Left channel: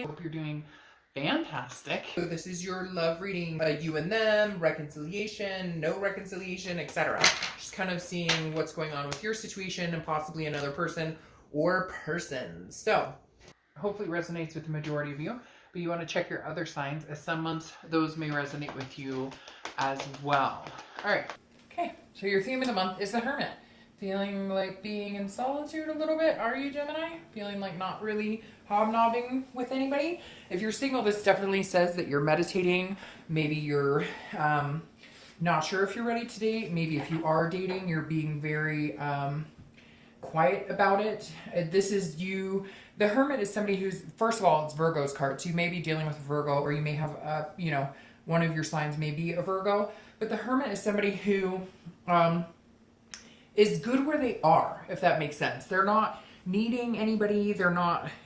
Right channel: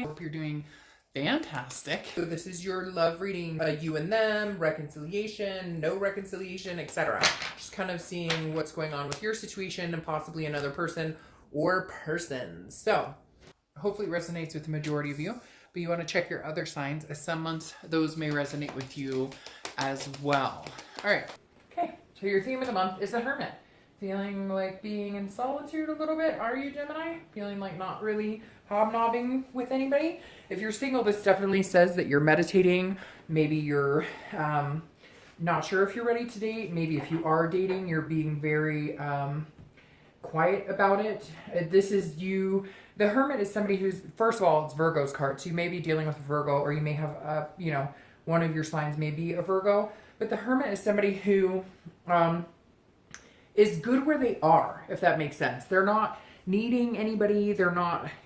Gemini. Hope you're doing fantastic. So this is your love reading, you and them, reconciliation, no reconciliation, etc. Just kind of seeing what's going on with your situation and possibly another person or persons. So hopefully it resonates with the majority of you, but you want to check your other signs, as some months those may resonate with you as well. All right. Okay. So your theme of the month is the Hermit. Feeling like being in solitude a little bit, are you, Gemini? Feeling like not really hobnobbing with anybody? If you're single, this definitely says that you're meditating. Maybe you're not sure if you're ready to date. Maybe if you are dating, you're being very quiet about it. This is you. The Hermit is somebody who's, first of all, it's Virgo's card. So you may be dealing with a Virgo, or you may have, one of your signs may be a Virgo. But the Hermit is somebody who is good where they are, if that makes sense. They're not needing anybody.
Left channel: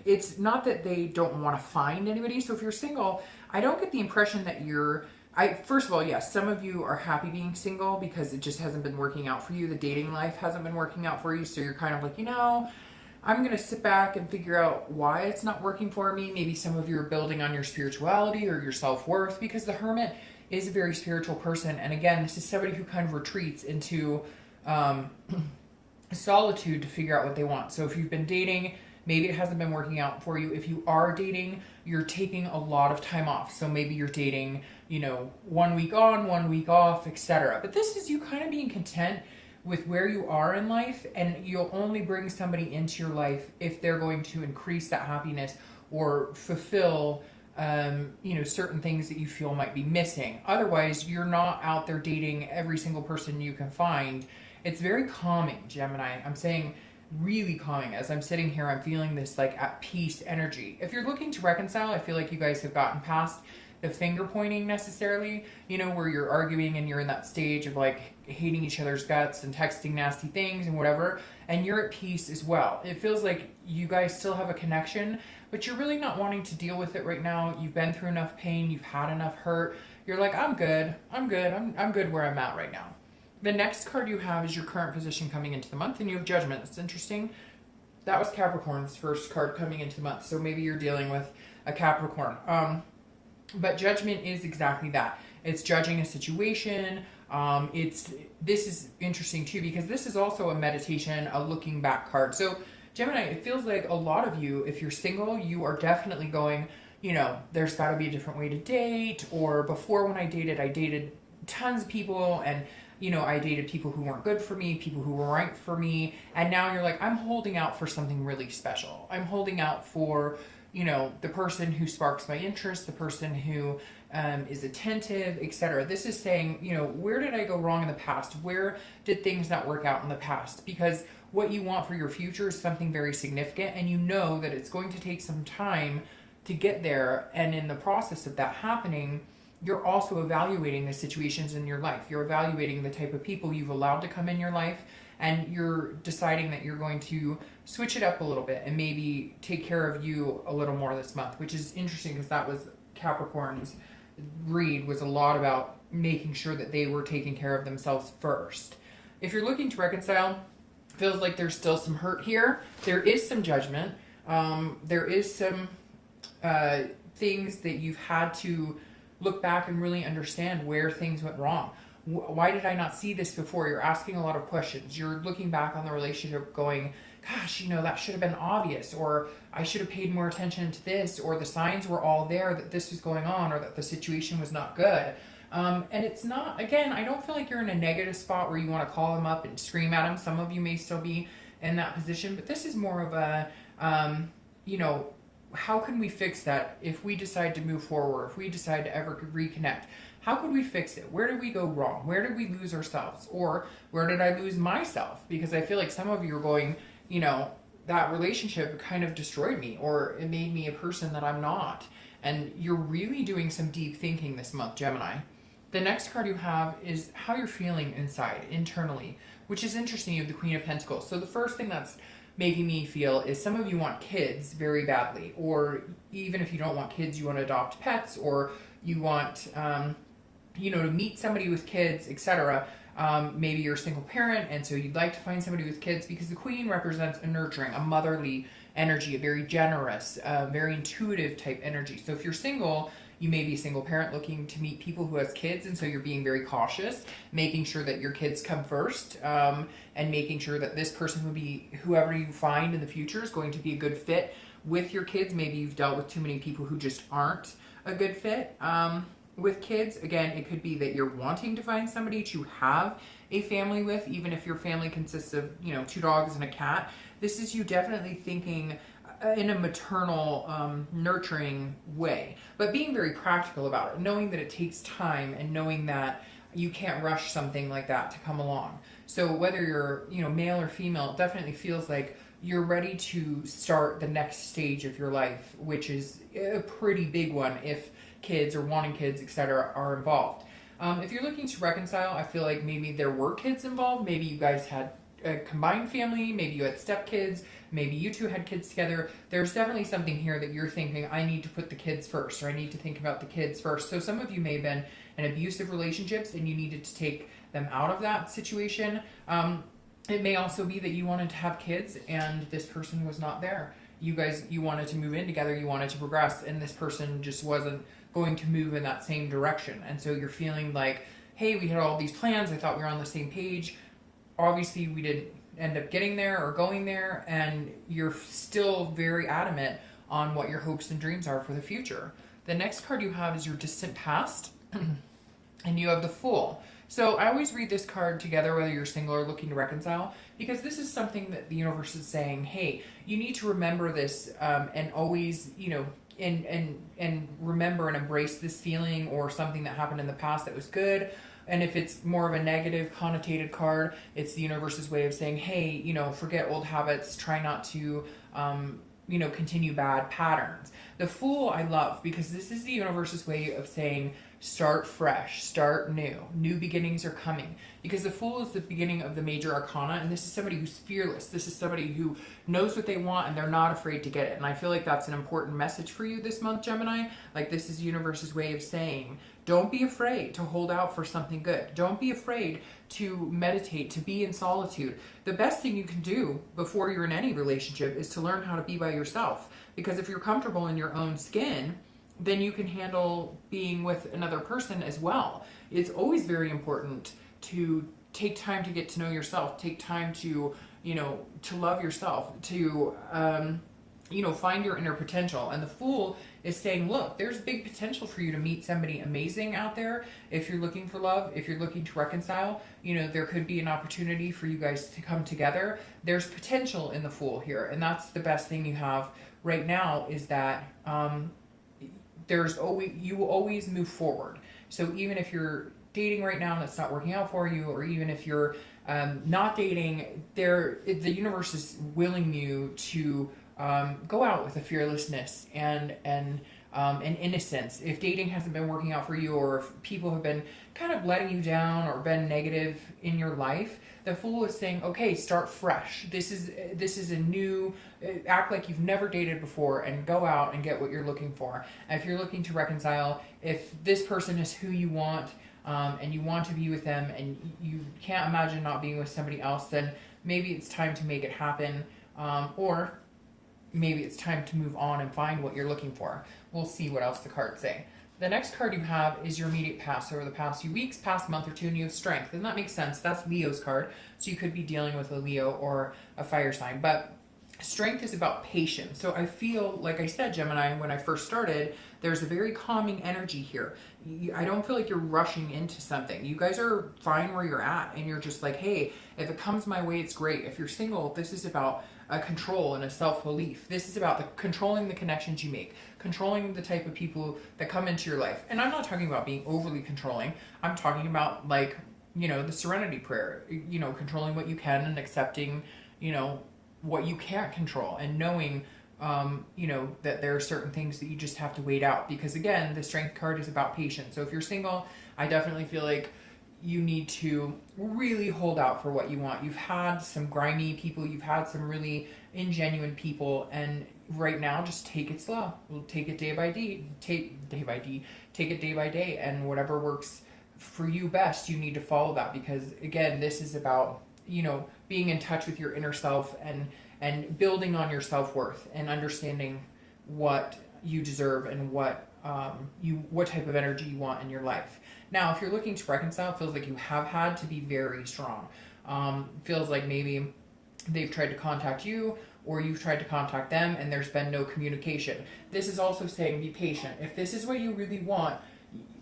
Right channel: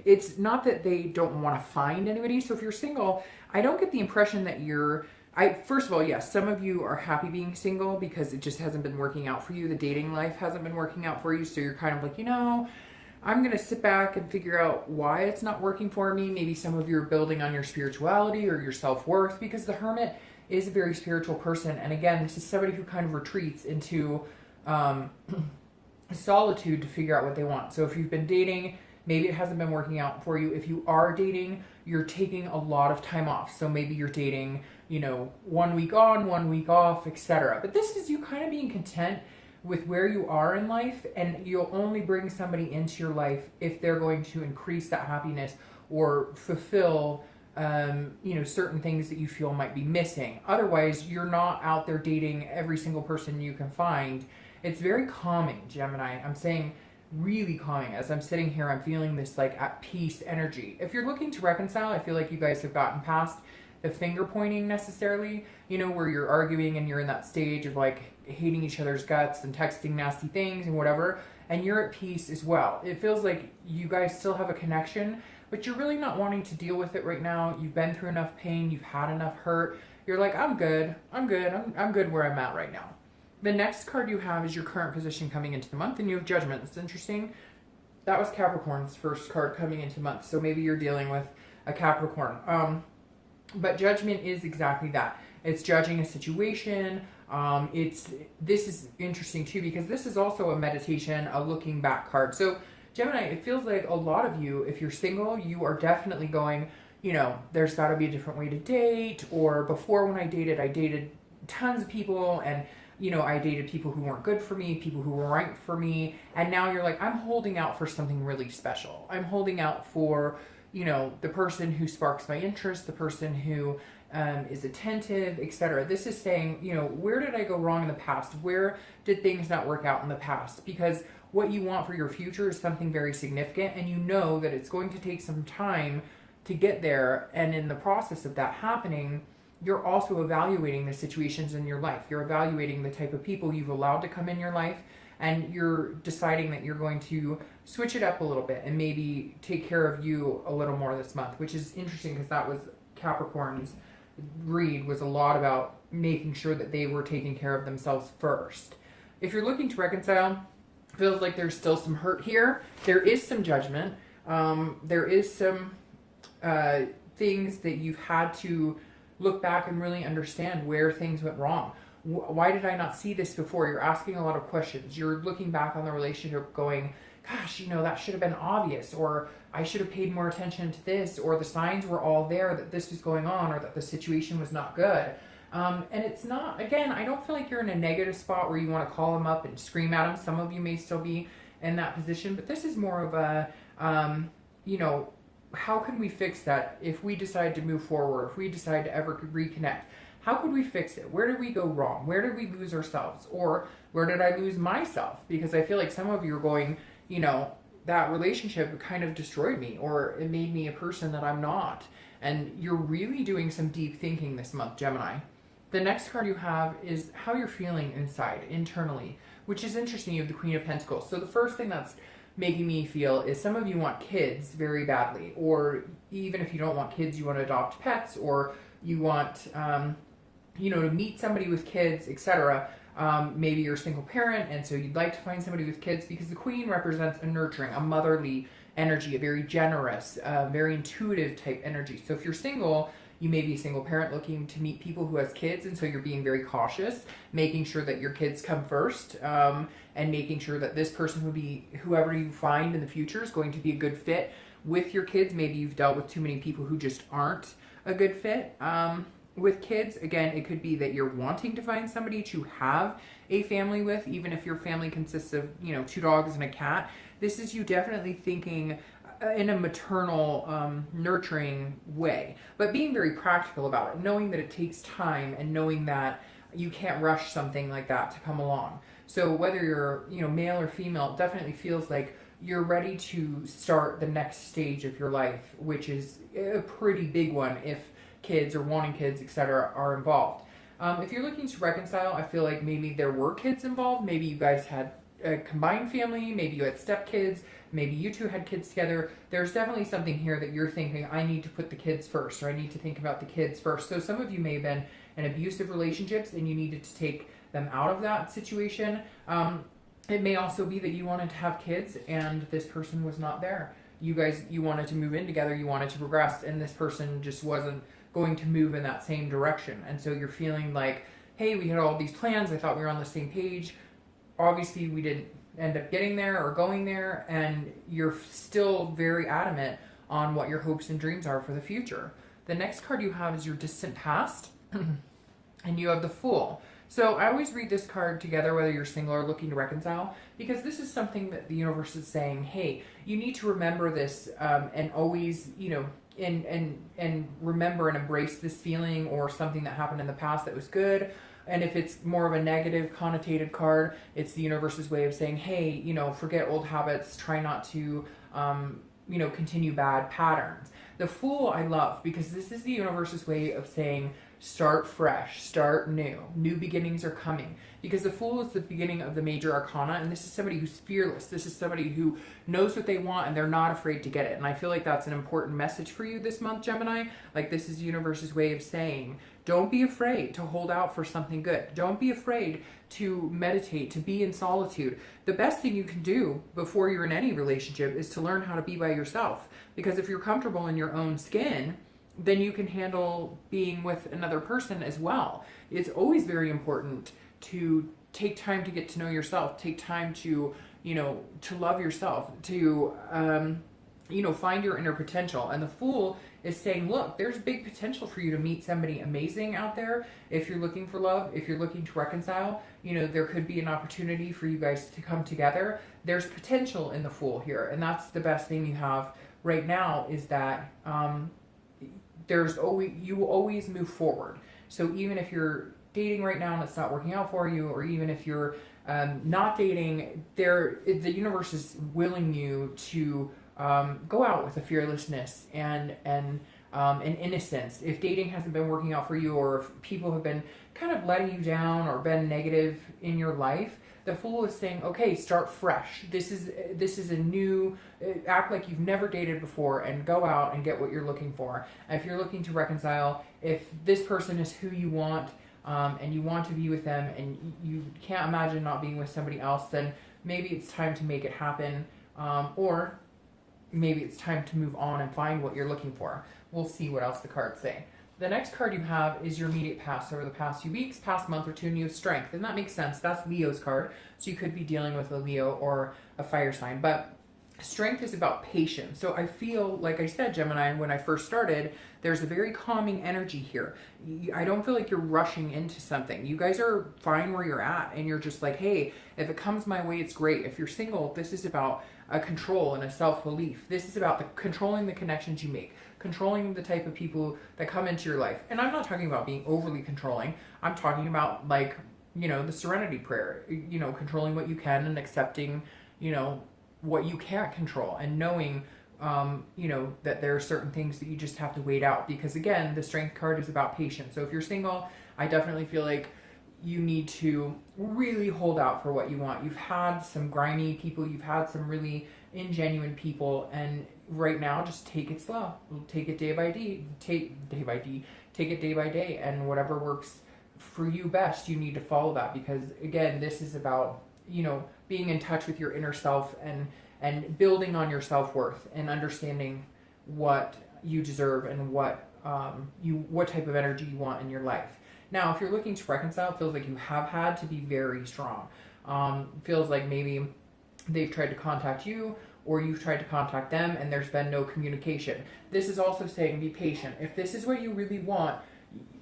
It's not that they don't want to find anybody. So if you're single, I don't get the impression that first of all, yes, some of you are happy being single because it just hasn't been working out for you. The dating life hasn't been working out for you. So you're kind of like, I'm going to sit back and figure out why it's not working for me. Maybe some of you are building on your spirituality or your self-worth, because the Hermit is a very spiritual person. And again, this is somebody who kind of retreats into solitude to figure out what they want. So if you've been dating, maybe it hasn't been working out for you. If you are dating, you're taking a lot of time off. So maybe you're dating, 1 week on, 1 week off, etc. But this is you kind of being content with where you are in life, and you'll only bring somebody into your life if they're going to increase that happiness or fulfill certain things that you feel might be missing. Otherwise, you're not out there dating every single person you can find. It's very calming, Gemini. I'm saying really calming. As I'm sitting here, I'm feeling this like at peace energy. If you're looking to reconcile, I feel like you guys have gotten past the finger pointing necessarily, where you're arguing and you're in that stage of like hating each other's guts and texting nasty things and whatever, and you're at peace as well. It feels like you guys still have a connection, but you're really not wanting to deal with it right now. You've been through enough pain, you've had enough hurt. You're like, I'm good where I'm at right now. The next card you have is your current position coming into the month, and you have Judgment. It's interesting. That was Capricorn's first card coming into the month, so maybe you're dealing with a Capricorn. But Judgment is exactly that. It's judging a situation. This is interesting too, because this is also a meditation, a looking back card. So Gemini, it feels like a lot of you, if you're single, you are definitely going, there's got to be a different way to date, or before when I dated tons of people, and I dated people who weren't good for me, people who were right for me, and now you're like, I'm holding out for something really special. I'm holding out for, the person who sparks my interest, the person who is attentive, etc. This is saying, where did I go wrong in the past? Where did things not work out in the past? Because what you want for your future is something very significant, and you know that it's going to take some time to get there, and in the process of that happening, you're also evaluating the situations in your life. You're evaluating the type of people you've allowed to come in your life, and you're deciding that you're going to switch it up a little bit and maybe take care of you a little more this month, which is interesting because that was Capricorn's read, was a lot about making sure that they were taking care of themselves first. If you're looking to reconcile, feels like there's still some hurt here. There is some judgment. There is some things that you've had to look back and really understand where things went wrong. Why did I not see this before? You're asking a lot of questions. You're looking back on the relationship going, gosh, that should have been obvious, or I should have paid more attention to this, or the signs were all there that this was going on, or that the situation was not good. And it's not, again, I don't feel like you're in a negative spot where you want to call them up and scream at them. Some of you may still be in that position, but this is more of a, how can we fix that if we decide to move forward, if we decide to ever reconnect? How could we fix it? Where did we go wrong? Where did we lose ourselves? Or where did I lose myself? Because I feel like some of you are going, that relationship kind of destroyed me, or it made me a person that I'm not. And you're really doing some deep thinking this month, Gemini. The next card you have is how you're feeling inside, internally, which is interesting. You have the Queen of Pentacles. So the first thing that's making me feel is some of you want kids very badly, or even if you don't want kids, you want to adopt pets, or you want, to meet somebody with kids, etc. Maybe you're a single parent, and so you'd like to find somebody with kids, because the Queen represents a nurturing, a motherly energy, a very generous, very intuitive type energy. So if you're single, you may be a single parent looking to meet people who has kids, and so you're being very cautious, making sure that your kids come first, and making sure that this person would be, whoever you find in the future is going to be a good fit with your kids. Maybe you've dealt with too many people who just aren't a good fit with kids. Again, it could be that you're wanting to find somebody to have a family with, even if your family consists of, 2 dogs and a cat. This is you definitely thinking in a maternal, nurturing way, but being very practical about it, knowing that it takes time and knowing that you can't rush something like that to come along. So whether you're, male or female, it definitely feels like you're ready to start the next stage of your life, which is a pretty big one if kids or wanting kids, etc., are involved. If you're looking to reconcile, I feel like maybe there were kids involved. Maybe you guys had a combined family. Maybe you had stepkids. Maybe you two had kids together. There's definitely something here that you're thinking, I need to put the kids first, or I need to think about the kids first. So some of you may have been in abusive relationships and you needed to take them out of that situation. It may also be that you wanted to have kids and this person was not there. You wanted to move in together, you wanted to progress, and this person just wasn't going to move in that same direction. And so you're feeling like, hey, we had all these plans, I thought we were on the same page. Obviously we didn't end up getting there or going there, and you're still very adamant on what your hopes and dreams are for the future. The next card you have is your distant past, and you have the Fool. So I always read this card together, whether you're single or looking to reconcile, because this is something that the universe is saying, hey, you need to remember this, and always, and remember and embrace this feeling or something that happened in the past that was good. And if it's more of a negative connotated card, it's the universe's way of saying, hey, forget old habits, try not to, continue bad patterns. The Fool I love because this is the universe's way of saying, start fresh, start new. New beginnings are coming. Because the Fool is the beginning of the major arcana, and this is somebody who's fearless. This is somebody who knows what they want and they're not afraid to get it. And I feel like that's an important message for you this month, Gemini. Like, this is the universe's way of saying, don't be afraid to hold out for something good. Don't be afraid to meditate, to be in solitude. The best thing you can do before you're in any relationship is to learn how to be by yourself. Because if you're comfortable in your own skin, then you can handle being with another person as well. It's always very important to take time to get to know yourself, take time to, to love yourself, to, find your inner potential. And the Fool is saying, look, there's big potential for you to meet somebody amazing out there. If you're looking for love, if you're looking to reconcile, there could be an opportunity for you guys to come together. There's potential in the Fool here. And that's the best thing you have right now, is that, you will always move forward. So even if you're dating right now and it's not working out for you, or even if you're not dating, the universe is willing you to go out with a fearlessness and an innocence. If dating hasn't been working out for you, or if people have been kind of letting you down or been negative in your life, the Fool is saying, okay, start fresh. This is a new, act like you've never dated before and go out and get what you're looking for. And if you're looking to reconcile, if this person is who you want, and you want to be with them and you can't imagine not being with somebody else, then maybe it's time to make it happen, or maybe it's time to move on and find what you're looking for. We'll see what else the cards say. The next card you have is your immediate past, over the past few weeks, past month or two, and you have Strength. And that makes sense. That's Leo's card. So you could be dealing with a Leo or a fire sign. But Strength is about patience. So I feel, like I said, Gemini, when I first started, there's a very calming energy here. I don't feel like you're rushing into something. You guys are fine where you're at, and you're just like, hey, if it comes my way, it's great. If you're single, this is about a control and a self-belief. This is about controlling the connections you make, controlling the type of people that come into your life. And I'm not talking about being overly controlling. I'm talking about, like, the serenity prayer, controlling what you can and accepting, what you can't control, and knowing, that there are certain things that you just have to wait out. Because again, the Strength card is about patience. So if you're single, I definitely feel like you need to really hold out for what you want. You've had some grimy people, you've had some really ingenuine people, and right now just take it slow. Take it day by day. Take it day by day, and whatever works for you best, you need to follow that. Because again, this is about, being in touch with your inner self and and building on your self-worth and understanding what you deserve and what type of energy you want in your life. Now, if you're looking to reconcile, it feels like you have had to be very strong. Feels like maybe they've tried to contact you or you've tried to contact them and there's been no communication. This is also saying be patient. If this is what you really want,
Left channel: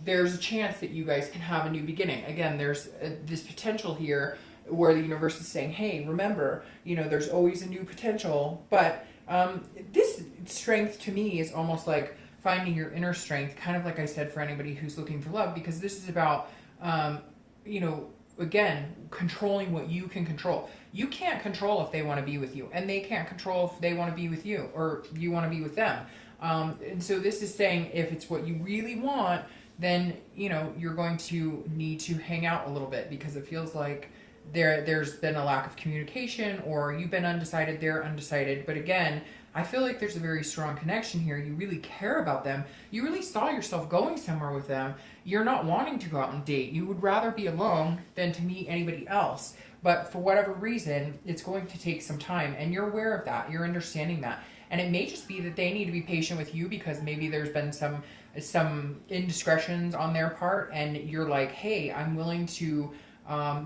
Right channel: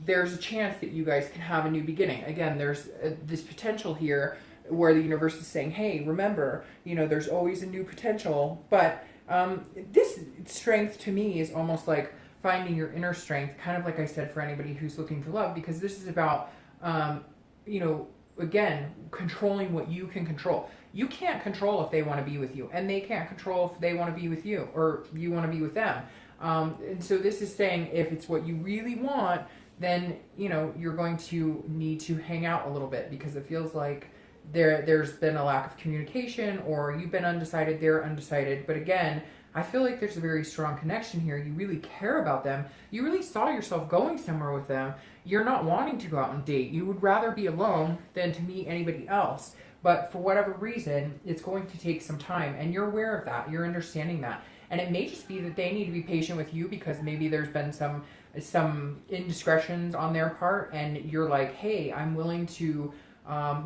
there's a chance that you guys can have a new beginning. Again, there's this potential here where the universe is saying, hey, remember, you know, there's always a new potential. But this strength to me is almost like finding your inner strength, kind of like I said, for anybody who's looking for love, because this is about, you know, again, controlling what you can control. You can't control if they want to be with you, and they can't control if they want to be with you, or you want to be with them. And so this is saying if it's what you really want, then, you know, you're going to need to hang out a little bit, because it feels like there's been a lack of communication, or you've been undecided, they're undecided. But again, I feel like there's a very strong connection here. You really care about them. You really saw yourself going somewhere with them. You're not wanting to go out and date. You would rather be alone than to meet anybody else. But for whatever reason, it's going to take some time, and you're aware of that. You're understanding that. And it may just be that they need to be patient with you, because maybe there's been some indiscretions on their part, and you're like, hey, I'm willing to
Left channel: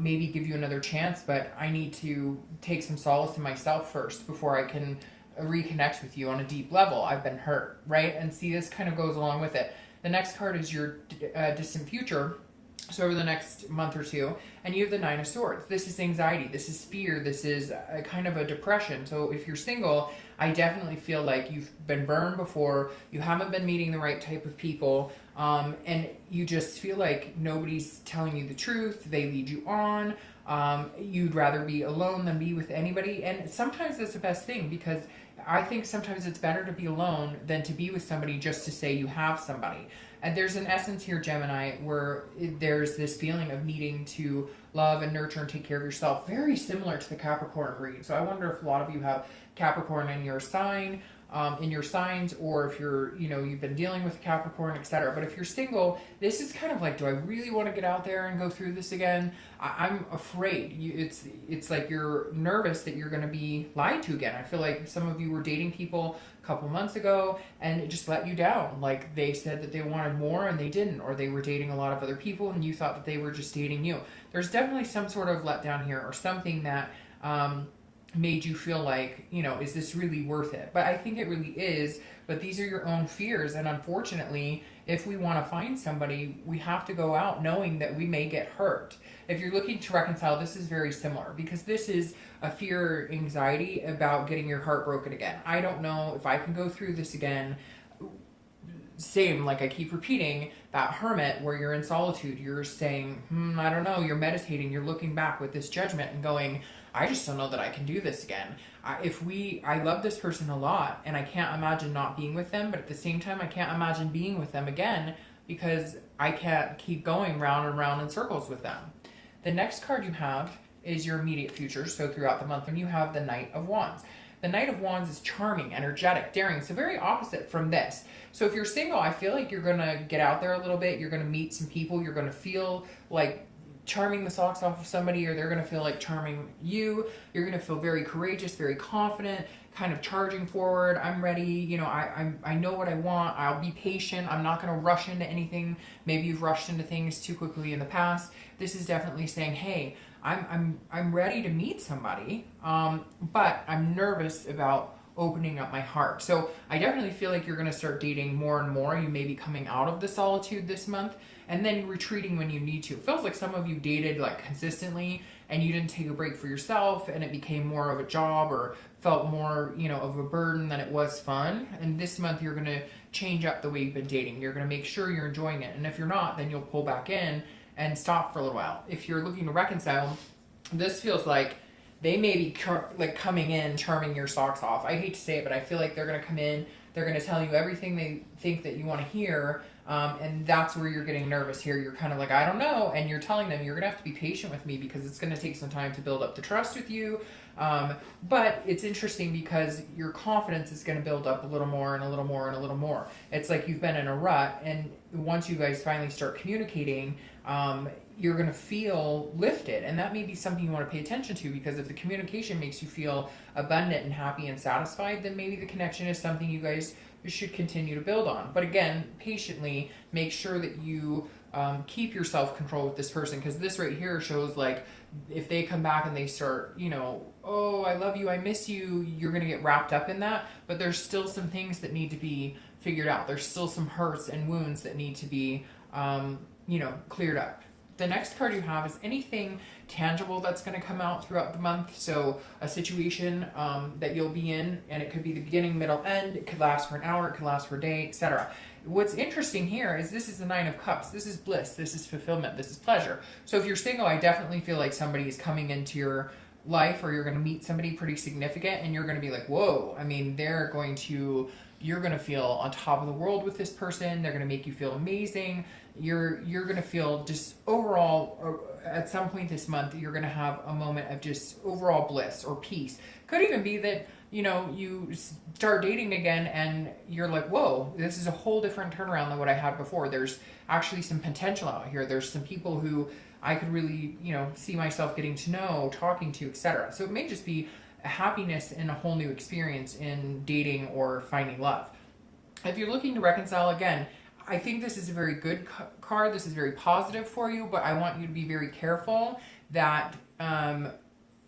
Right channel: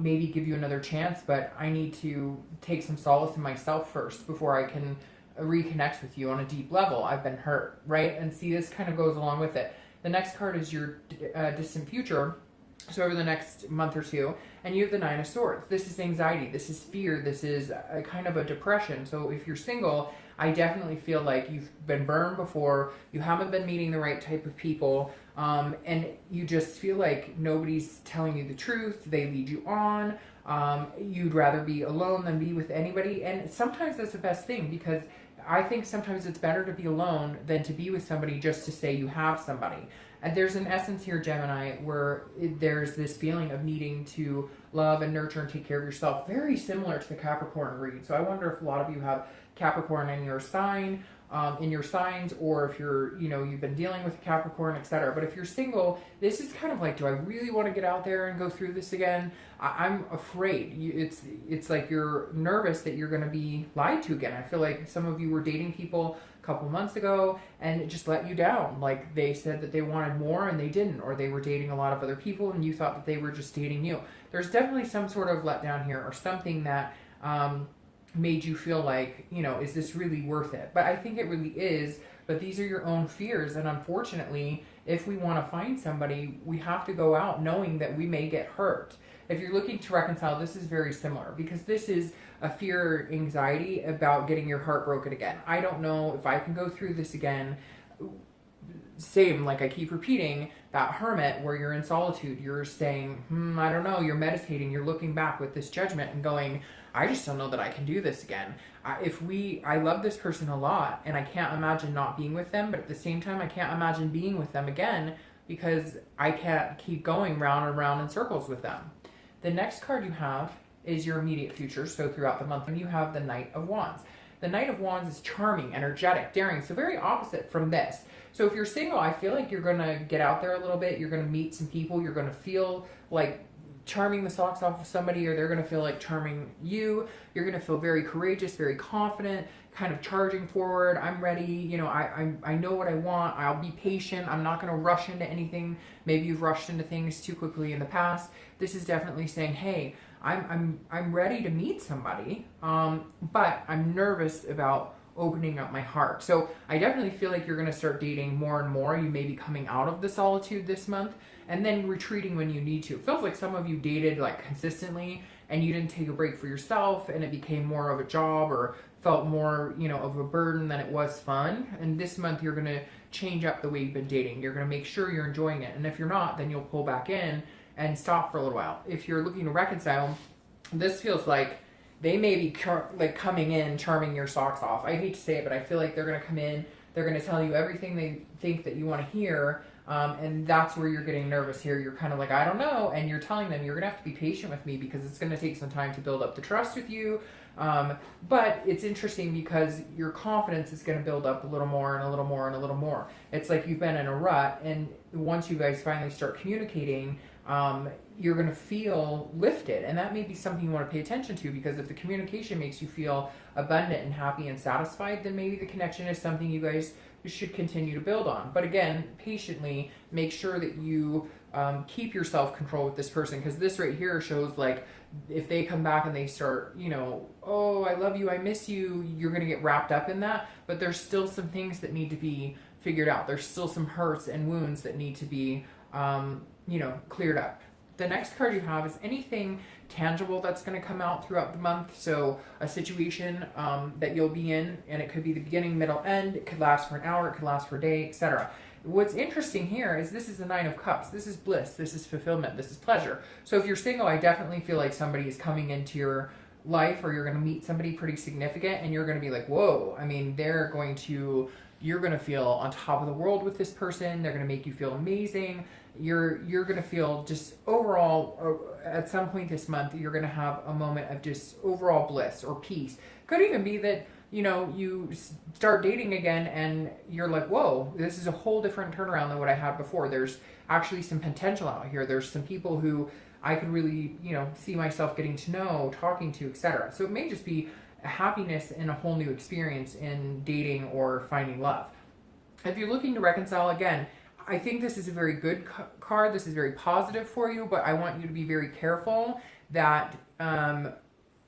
maybe give you another chance, but I need to take some solace in myself first before I can reconnect with you on a deep level. I've been hurt, right? And see, this kind of goes along with it. The next card is your distant future, so over the next month or two, and you have the Nine of Swords. This is anxiety, this is fear, this is a kind of a depression. So if you're single, I definitely feel like you've been burned before, you haven't been meeting the right type of people, and you just feel like nobody's telling you the truth, they lead you on, you'd rather be alone than be with anybody. And sometimes that's the best thing, because I think sometimes it's better to be alone than to be with somebody just to say you have somebody. And there's an essence here, Gemini, where there's this feeling of needing to love and nurture and take care of yourself, very similar to the Capricorn read. So I wonder if a lot of you have Capricorn in your sign, in your signs, or if you're, you know, you've been dealing with Capricorn, etc. But if you're single, this is kind of like, do I really want to get out there and go through this again? I'm afraid. It's like you're nervous that you're going to be lied to again. I feel like some of you were dating people a couple months ago and it just let you down. Like they said that they wanted more and they didn't, or they were dating a lot of other people and you thought that they were just dating you. There's definitely some sort of letdown here, or something that made you feel like, you know, is this really worth it? But I think it really is. But these are your own fears, and unfortunately, if we want to find somebody, we have to go out knowing that we may get hurt. If you're looking to reconcile, this is very similar, because this is a fear, anxiety about getting your heart broken again. I don't know if I can go through this again. Same, like I keep repeating, that hermit where you're in solitude, you're saying, I don't know, you're meditating, you're looking back with this judgment and going, I just don't know that I can do this again. I love this person a lot, and I can't imagine not being with them, but at the same time, I can't imagine being with them again, because I can't keep going round and round in circles with them. The next card you have is your immediate future, so throughout the month, and you have the Knight of Wands. The Knight of Wands is charming, energetic, daring, so very opposite from this. So if you're single, I feel like you're going to get out there a little bit, you're going to meet some people, you're going to feel like charming the socks off of somebody, or they're going to feel like charming you. You're going to feel very courageous, very confident, kind of charging forward. I'm ready, you know, I know what I want. I'll be patient. I'm not going to rush into anything. Maybe you've rushed into things too quickly in the past. This is definitely saying, hey, I'm ready to meet somebody, but I'm nervous about opening up my heart. So I definitely feel like you're going to start dating more and more. You may be coming out of the solitude this month and then retreating when you need to. It feels like some of you dated like consistently and you didn't take a break for yourself, and it became more of a job or felt more, you know, of a burden than it was fun. And this month you're going to change up the way you've been dating. You're going to make sure you're enjoying it. And if you're not, then you'll pull back in and stop for a little while. If you're looking to reconcile, this feels like they may be coming in, charming your socks off. I hate to say it, but I feel like they're going to come in, they're going to tell you everything they think that you want to hear, and that's where you're getting nervous here. You're kind of like, I don't know, and you're telling them, you're going to have to be patient with me because it's going to take some time to build up the trust with you. But it's interesting because your confidence is going to build up a little more and a little more and a little more. It's like you've been in a rut, and once you guys finally start communicating, you're going to feel lifted. And that may be something you want to pay attention to, because if the communication makes you feel abundant and happy and satisfied, then maybe the connection is something you guys should continue to build on. But again, patiently make sure that you keep your self-control with this person, because this right here shows like if they come back and they start, you know, oh, I love you, I miss you, you're going to get wrapped up in that. But there's still some things that need to be figured out. There's still some hurts and wounds that need to be, you know, cleared up. The next card you have is anything tangible that's going to come out throughout the month. So a situation that you'll be in, and it could be the beginning, middle, end. It could last for an hour, it could last for a day, etc. What's interesting here is this is the Nine of Cups. This is bliss. This is fulfillment. This is pleasure. So if you're single, I definitely feel like somebody is coming into your life, or you're going to meet somebody pretty significant, and you're going to be like, whoa. I mean, you're going to feel on top of the world with this person. They're going to make you feel amazing. You're going to feel just overall, at some point this month, you're going to have a moment of just overall bliss or peace. Could even be that, you know, you start dating again and you're like, whoa, this is a whole different turnaround than what I had before. There's actually some potential out here. There's some people who I could really, you know, see myself getting to know, talking to, etc. So it may just be happiness and a whole new experience in dating or finding love. If you're looking to reconcile, again, I think this is a very good card. This is very positive for you, but I want you to be very careful that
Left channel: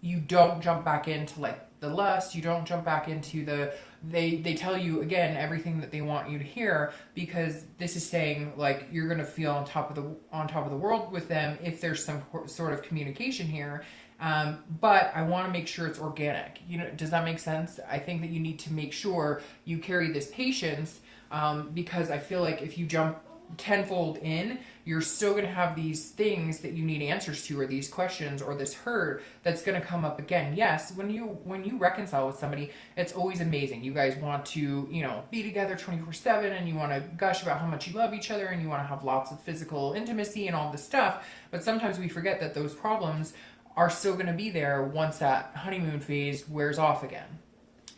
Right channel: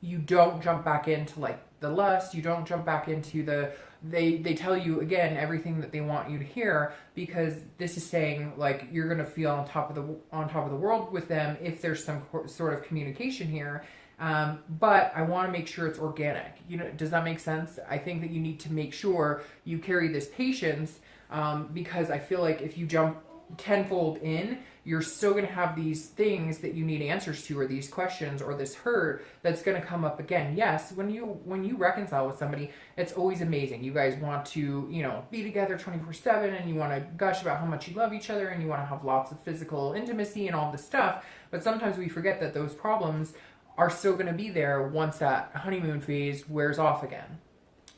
you don't jump back into like the lust. You don't jump back into the, they tell you again everything that they want you to hear, because this is saying like you're going to feel on top of the world with them if there's some sort of communication here. But I want to make sure it's organic. You know, does that make sense? I think that you need to make sure you carry this patience, because I feel like if you jump tenfold in, you're still going to have these things that you need answers to, or these questions, or this hurt that's going to come up again. Yes, when you reconcile with somebody, it's always amazing. You guys want to, you know, be together 24/7, and you want to gush about how much you love each other, and you want to have lots of physical intimacy and all this stuff. But sometimes we forget that those problems are still going to be there once that honeymoon phase wears off again.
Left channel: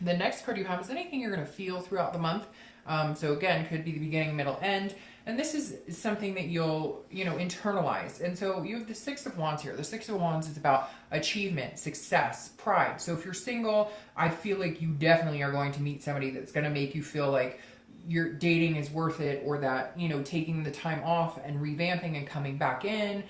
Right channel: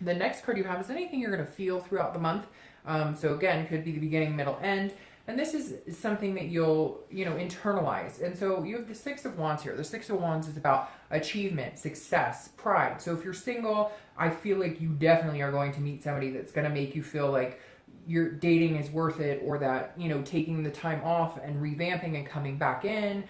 The next card you have is anything you're going to feel throughout the month. So again, could be the beginning, middle, end. And this is something that you'll, you know, internalize. And so you have the Six of Wands here. The Six of Wands is about achievement, success, pride. So if you're single, I feel like you definitely are going to meet somebody that's going to make you feel like your dating is worth it, or that, you know, taking the time off and revamping and coming back in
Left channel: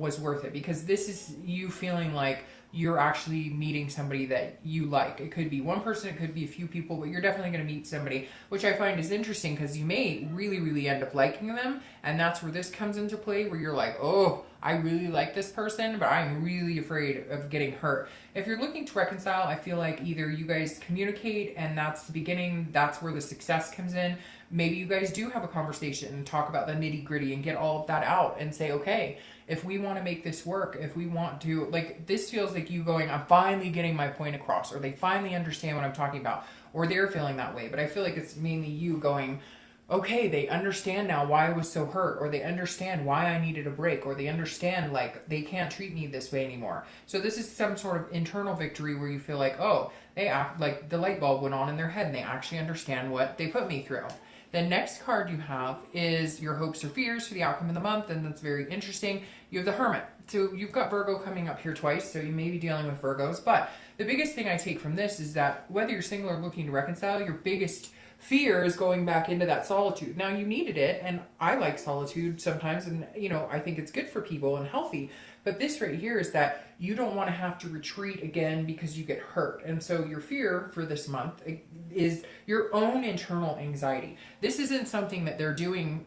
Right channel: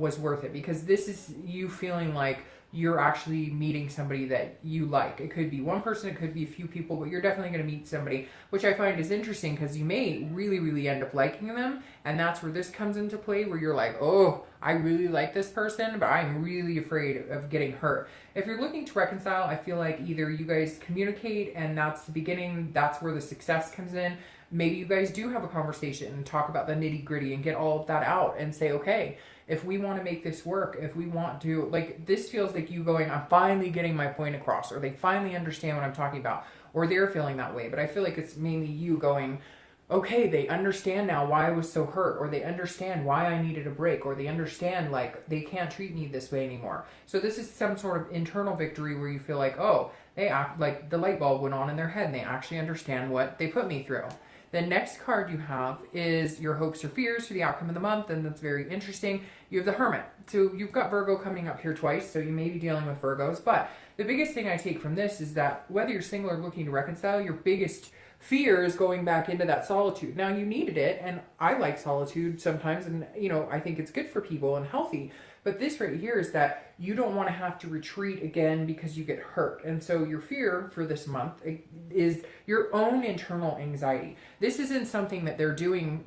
was worth it, because this is you feeling like you're actually meeting somebody that you like. It could be one person, it could be a few people, but you're definitely going to meet somebody, which I find is interesting, because you may really, really end up liking them. And that's where this comes into play, where you're like, oh, I really like this person, but I'm really afraid of getting hurt. If you're looking to reconcile, I feel like either you guys communicate, and that's the beginning, that's where the success comes in. Maybe you guys do have a conversation and talk about the nitty gritty and get all of that out and say, okay, if we want to make this work, if we want to, like, this feels like you going, I'm finally getting my point across, or they finally understand what I'm talking about, or they're feeling that way. But I feel like it's mainly you going, okay, they understand now why I was so hurt, or they understand why I needed a break, or they understand like they can't treat me this way anymore. So this is some sort of internal victory where you feel like, oh, they act like the light bulb went on in their head and they actually understand what they put me through. The next card you have is your hopes or fears for the outcome of the month, and that's very interesting. You have the Hermit. So you've got Virgo coming up here twice, so you may be dealing with Virgos. But the biggest thing I take from this is that whether you're single or looking to reconcile, your biggest fear is going back into that solitude. Now, you needed it, and I like solitude sometimes, and, you know, I think it's good for people and healthy. But this right here is that you don't want to have to retreat again because you get hurt. And so your fear for this month is your own internal anxiety. This isn't something that they're doing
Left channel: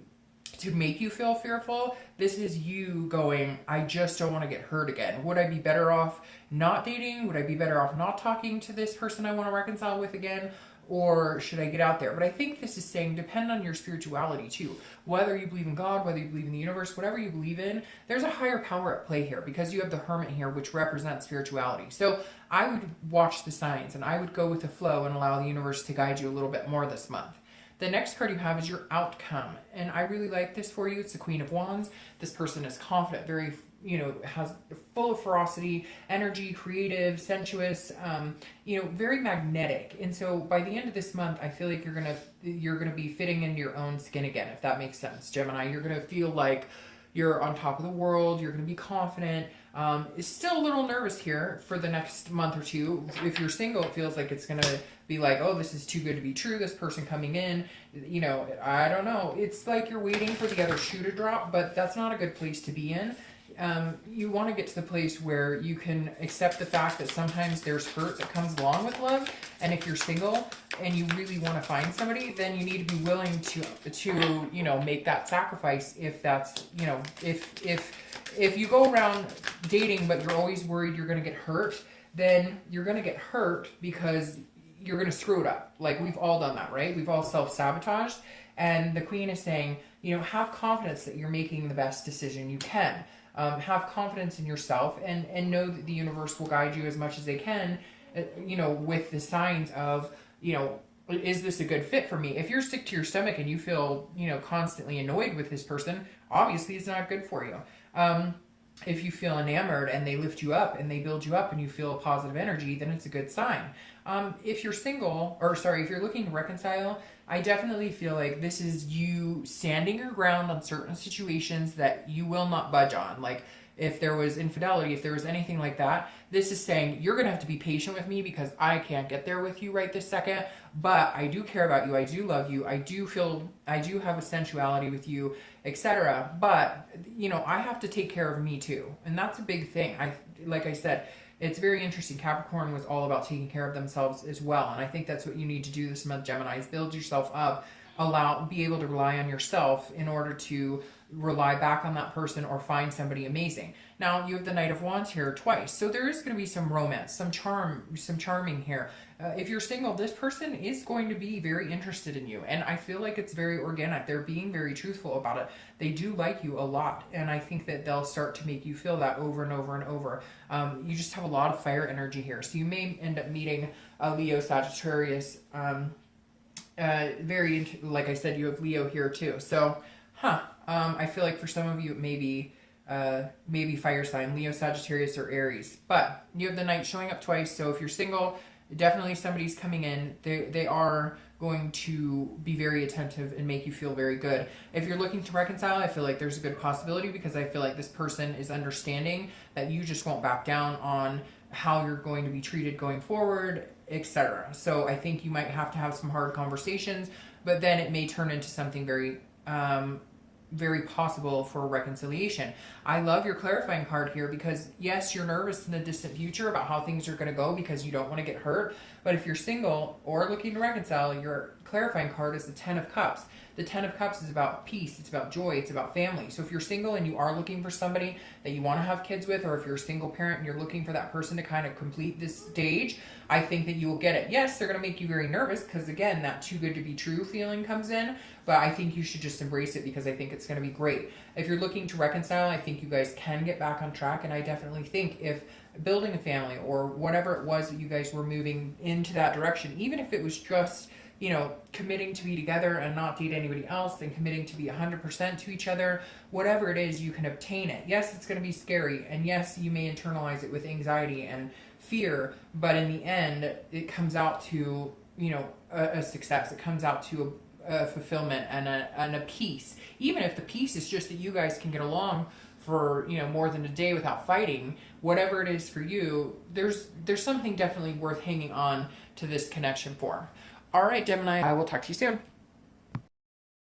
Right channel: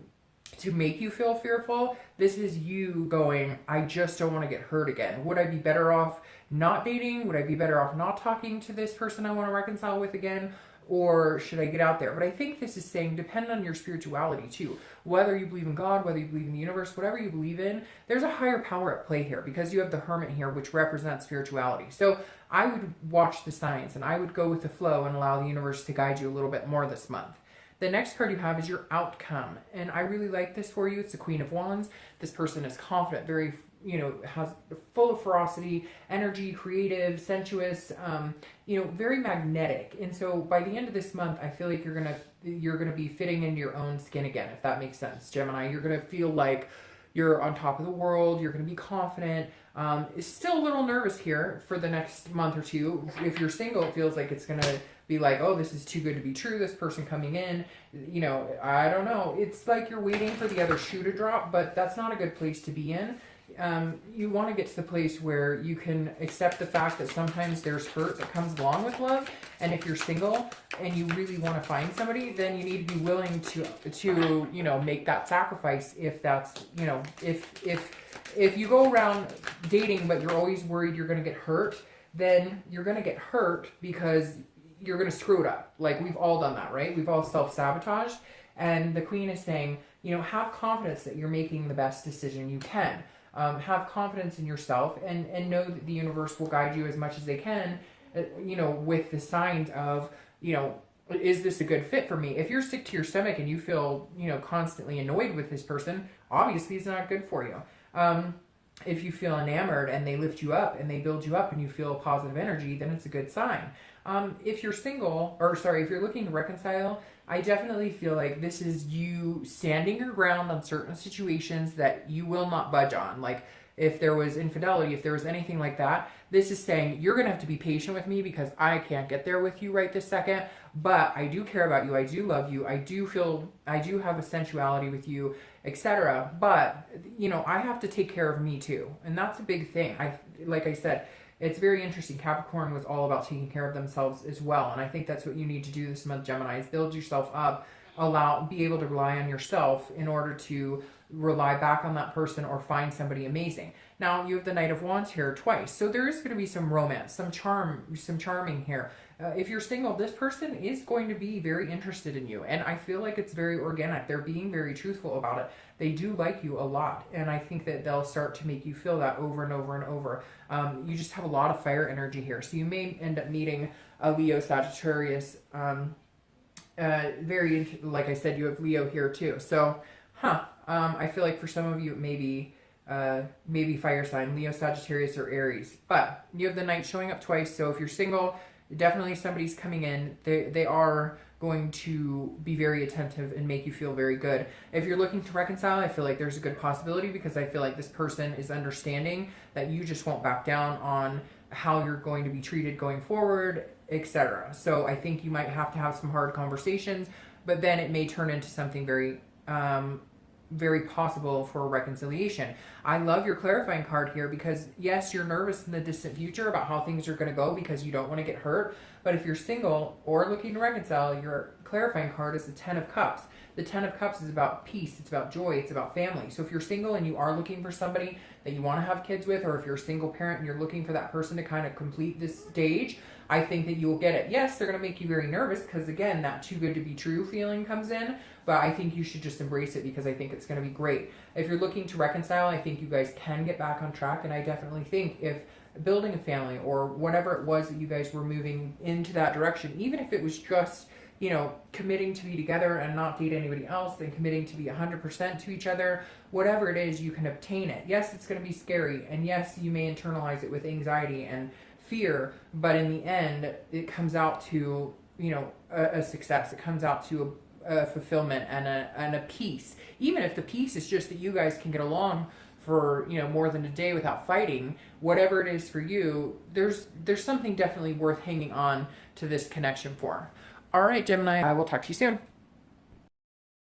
to make you feel fearful. This is you going, I just don't want to get hurt again. Would I be better off not dating? Would I be better off not talking to this person I want to reconcile with again? Or should I get out there? But I think this is saying depend on your spirituality too. Whether you believe in God, whether you believe in the universe, whatever you believe in, there's a higher power at play here, because you have the Hermit here, which represents spirituality. So I would watch the signs, and I would go with the flow and allow the universe to guide you a little bit more this month. The next card you have is your outcome. And I really like this for you. It's the Queen of Wands. This person is confident, very, you know, has full of ferocity, energy, creative, sensuous, you know, very magnetic. And so by the end of this month, I feel like you're gonna be fitting into your own skin again, if that makes sense, Gemini. You're gonna feel like you're on top of the world, you're going to be confident. Is still a little nervous here for the next month or two. If you're single, it feels like it's going to be like, oh, this is too good to be true. This person coming in, you know, I don't know. It's like you're waiting for the other shoe to drop, but that's not a good place to be in. You want to get to the place where you can accept the fact that sometimes there's hurt that comes along with love. And if you're single and you really want to find somebody, then you need to be willing to you know, make that sacrifice. If that's, you know, if you go around dating but you're always worried you're going to get hurt, then you're going to get hurt because you're going to screw it up. Like, we've all done that, right? We've all self-sabotaged. And the Queen is saying, you know, have confidence that you're making the best decision you can. Have confidence in yourself and know that the universe will guide you as much as they can, you know, with the signs of, you know, is this a good fit for me? If you're sick to your stomach and you feel, you know, constantly annoyed with this person, obviously it's not good for you. If you feel enamored and they lift you up and they build you up and you feel positive energy, then it's a good sign. If you're single, or sorry, if you're looking to reconcile, I definitely feel like this is you standing your ground on certain situations that you will not budge on. Like, if there was infidelity, if there was anything like that, this is saying you're going to have to be patient with me because I can't get there with you right this second, but I do care about you. I do love you. I do have a sensuality with you, etc. But, you know, I have to take care of me too. And that's a big thing. Like I said, it's very interesting. Capricorn was all about taking care of themselves as well. And I think that's what you need to do this month, Gemini, is build yourself up, be able to rely on yourself in order to rely back on that person or find somebody amazing. Now, you have the Knight of Wands here twice. So there is going to be some romance, some charming here. If you're single, this person is going to be very interested in you. And I feel like it's very organic. They're being very truthful about it. They do like you a lot. And I think that they'll start to make you feel that over and over and over. You just have a lot of fire energy here. So you may end up meeting a Leo, Sagittarius. Like I said, you have Leo here too. So, I feel like for some of you, it may be maybe fire sign, Leo, Sagittarius, or Aries. But you have the Knight showing up twice. So if you're single, definitely somebody's coming in. They are going to be very attentive and make you feel very good. If you're looking to reconcile, I feel like there's a good possibility because I feel like this person is understanding that you just won't back down on how you're going to be treated going forward, etc. So I think you might have to have some hard conversations, but then it may turn into something very possible for reconciliation. I love your clarifying card here because yes, you're nervous in the distant future about how things are going to go because you don't want to get hurt. But if you're single or looking to reconcile, your clarifying card is the 10 of Cups. The 10 of Cups is about peace. It's about joy. It's about family. So if you're single and you are looking for somebody that you want to have kids with, or if you're a single parent and you're looking for that person to kind of complete this stage, I think that you will get it. Yes, they're going to make you very nervous because, again, that too good to be true feeling comes in. But I think you should just embrace it because I think it's going to be great. If you're looking to reconcile, I think you guys can get back on track. And I definitely think if building a family or whatever it was that you guys were moving into that direction, even if it was just, you know, committing to be together and not date anybody else and committing to be 100% to each other, whatever it is, you can obtain it. Yes, it's going to be scary. And yes, you may internalize it with anxiety and fear. But in the end, it comes out to, you know, a success. It comes out to a fulfillment and a peace. Even if the peace is just that you guys can get along for, you know, more than a day without fighting, whatever it is for you, there's something definitely worth hanging on to this connection for. All right, Gemini, I will talk to you soon.